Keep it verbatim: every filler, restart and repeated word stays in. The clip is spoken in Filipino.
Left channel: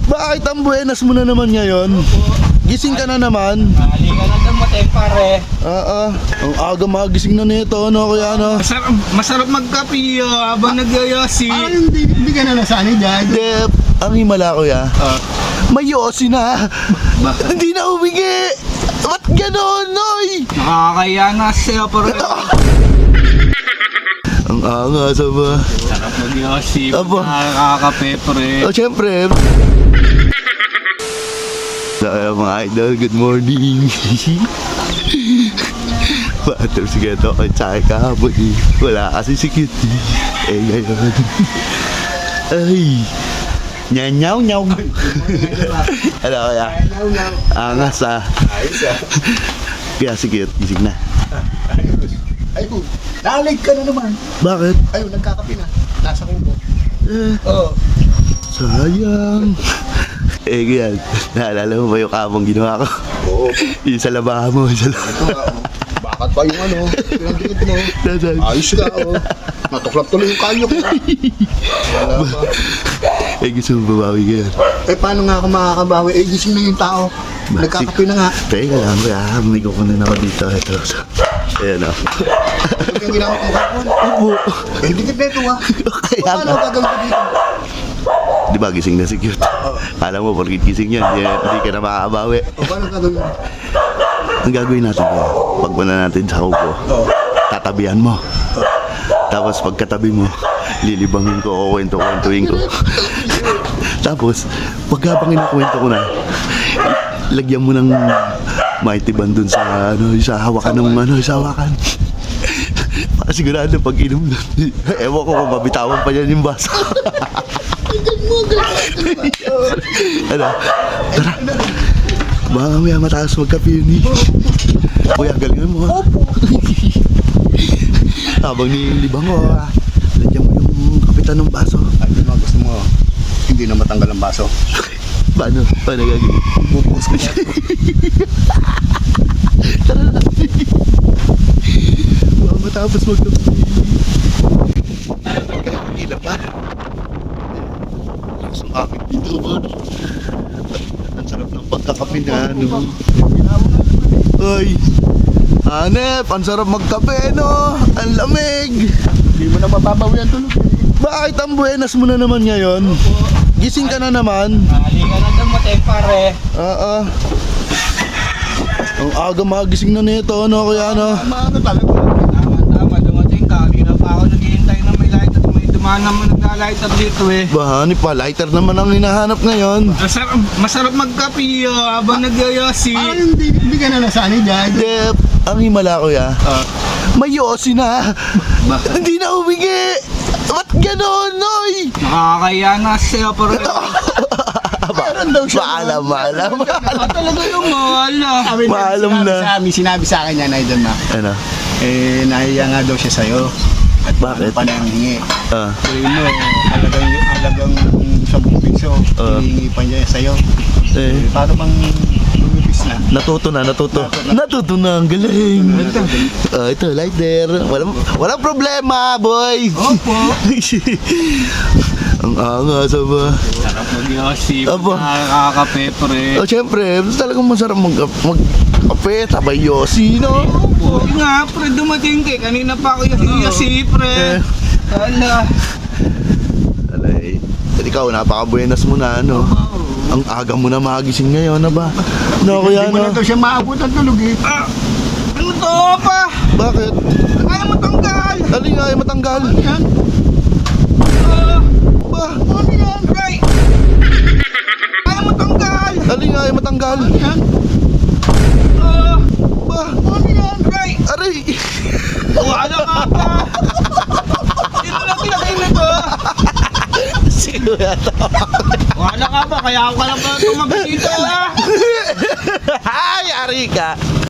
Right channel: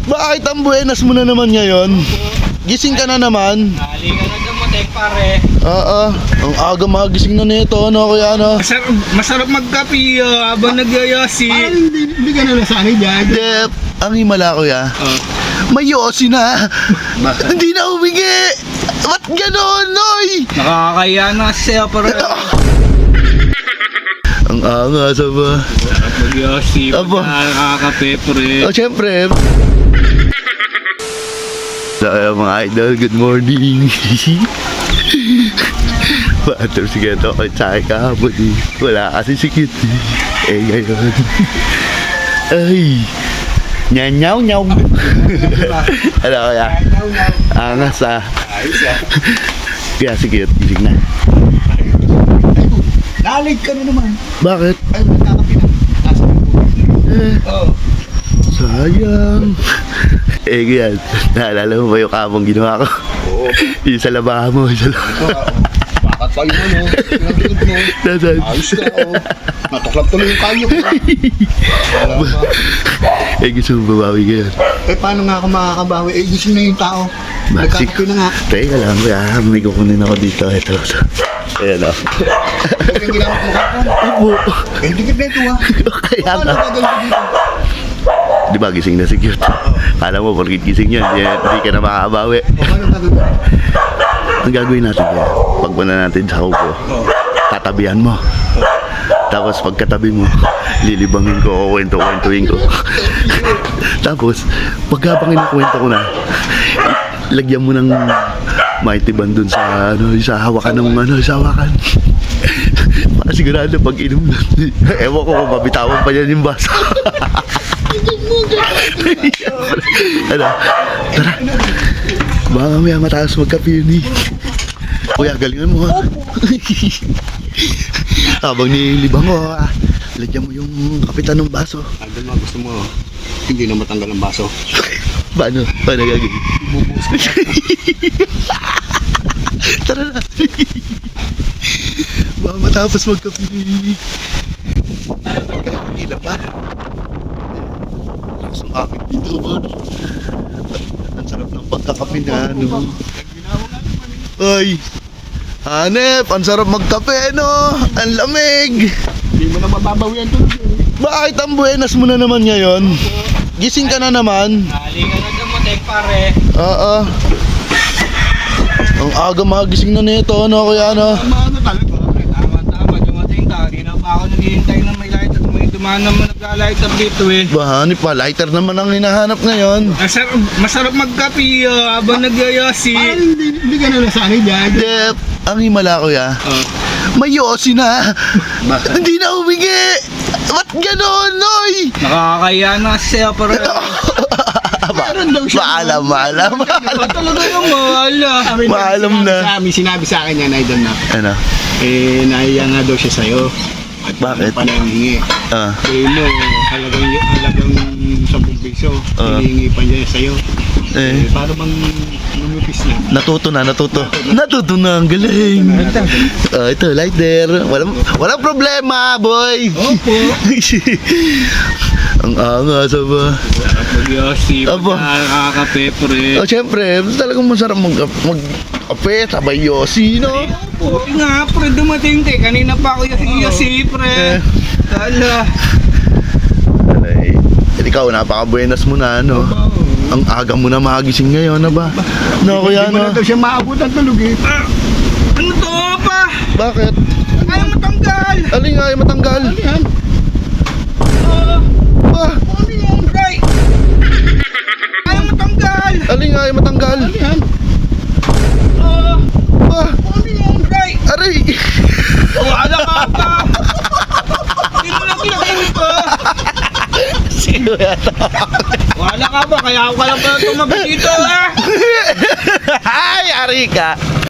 Bakit ang buenas mo na naman ngayon? Gising ka na naman. Ali ka na dumating pare. Oo. Ang aga magising na nito, ano kuya, ano? Masarap, masarap magkape uh, habang nagyoyosi. Ay, hindi, hindi ka na nasanay dyan. Dep, ang himala kuya. Oh. May yosi na. Hindi na humingi. Ba't ganon, Noy? Nakakaya na sa'yo pare. Ang angas, ba? Masarap magyosi. Aba. Nakakape pare. Oh, syempre. So, uh, mga idol, good morning. Batter si Geto ay tsaka kahapon eh. Wala kasi si Kit eh. Eh ngayon. Ay. Nyanyaw nyaw. Ano kaya? Angas ah. Kaya si Kit, gising na. Ay, oh, nalig ka na naman. Bakit? Ay, nagkakape na. Nasa mo. Eh, Oo. sayang. Eh ganyan, naalala mo ba yung kamong ginawa ko? Oo. Yung sa labahan mo, sa labahan. Ito, ah, bakit pa yung ano? Yung likod mo. Nasaan? Ayos ka, oh. Natuklap tuloy yung kanyo ko. Wala ba? Eh gusto mo babawi ngayon? Eh, paano nga ako makakabawi? Eh, gising na yung tao. Nagkakape na nga. Teka lang, kuya, may kukunin ako dito. Ito, ito. Ayan o. Ito yung ginamit mo kapon. Opo. Eh, dikit na ito, ah. Kaya Paano nga. gagawin ko dito? Di ba gising na si Cute? Kala mo, porkit gising yan, di, di ka na makakabawi. O, paano gagawin? Ang gagawin natin kaya, pagpuna natin sa kuko, tatabihan mo. Tapos pagkatabi mo, lilibangin ko o kwento-kwentuin ko. Tapos, pagkabang inakwento ko na, lagyan mo ng mighty band dun sa, ano, sa hawakan ng, ano, sa hawakan. Para sigurado pag inom na, ewan ko kung mabitawan pa yan yung baso. Ano? Tara. Baka mamaya mataas magkape yun eh. Kuya, galingan mo ha. Habang nilibang ko ha, lagyan mo yung kapitan ng baso. Ano mo gusto mo? Hindi na matanggal ang baso. Paano? Paano gagawin? Bubuhos ko. Tara na. Baka matapos magkape. Ilan pa? Lakas ng aking dito, man. Ang sarap ng pagkakape na, ano. Ay, Hanep, ang sarap magkape, no? Ang lamig. Hindi mo na mababawian tulog. Bakit ang buenas mo na naman ngayon? Gising ka na naman. Ali ka na dumating pare. Oo. Ang aga magising na nito, ano, kuya, ano? Ano talaga? Tama-tama dumating ka. Hindi na pa ako naghihintay na may light up. May dumaan naman nagla-light up dito eh. Bahani pa, lighter naman ang hinahanap ngayon. Masarap, masarap magkape uh, habang nagyoyosi. Ay, hindi, hindi ka na nasanay dyan. Dep, ang himala, kuya. Oh. May yosi na. Hindi na humingi. Ba't ganon, Noy? Nakakaya na sa'yo pare. Meron daw siya. Maalam, maalam, maalam. Talaga yung mahala. Sabi na, Maalam sinabi na. Sa amin, sinabi sa akin yan, Idol na. Ano? Eh, nahiya nga daw siya sa'yo. At Bakit? pa na hingi. Ah, Eh mo, halagang, halagang sabong piso. Ah. Hinihingi pa niya sa'yo. eh, Eh, paano bang lumipis na? natuto na, natuto. Natuto na, ang galing. Ah, ito, lighter. Walang, walang problema, boys. Opo. Ang angas, ba? Magyosi. Aba. Nakakape pre. Oh, syempre, talagang masarap mag magkape, sabay yosi, no? Buti nga pre, dumating te. Kanina pa ako yosi pre. Eh. Hala. Ano eh, eh, ikaw, napaka-buenas mo na, ano? Ang aga mo na magising ngayon, na ba? No, kuya, Hindi mo no? na daw siya maabot ang tulog eh. Ah, ano to pa? Bakit? Ano mo tanggal? Alin nga ay matanggal? Yan. Ba? Ano yan? Right. Ano mo tanggal? Alin nga ay matanggal? Yan. Ba? Ano yan? Right. Aray! Wala ka pa. Dito lang pinakita ko. Sino yata? Wala ka pa, kaya ako ka lang pala tumabi dito ha. Ay, ari ka!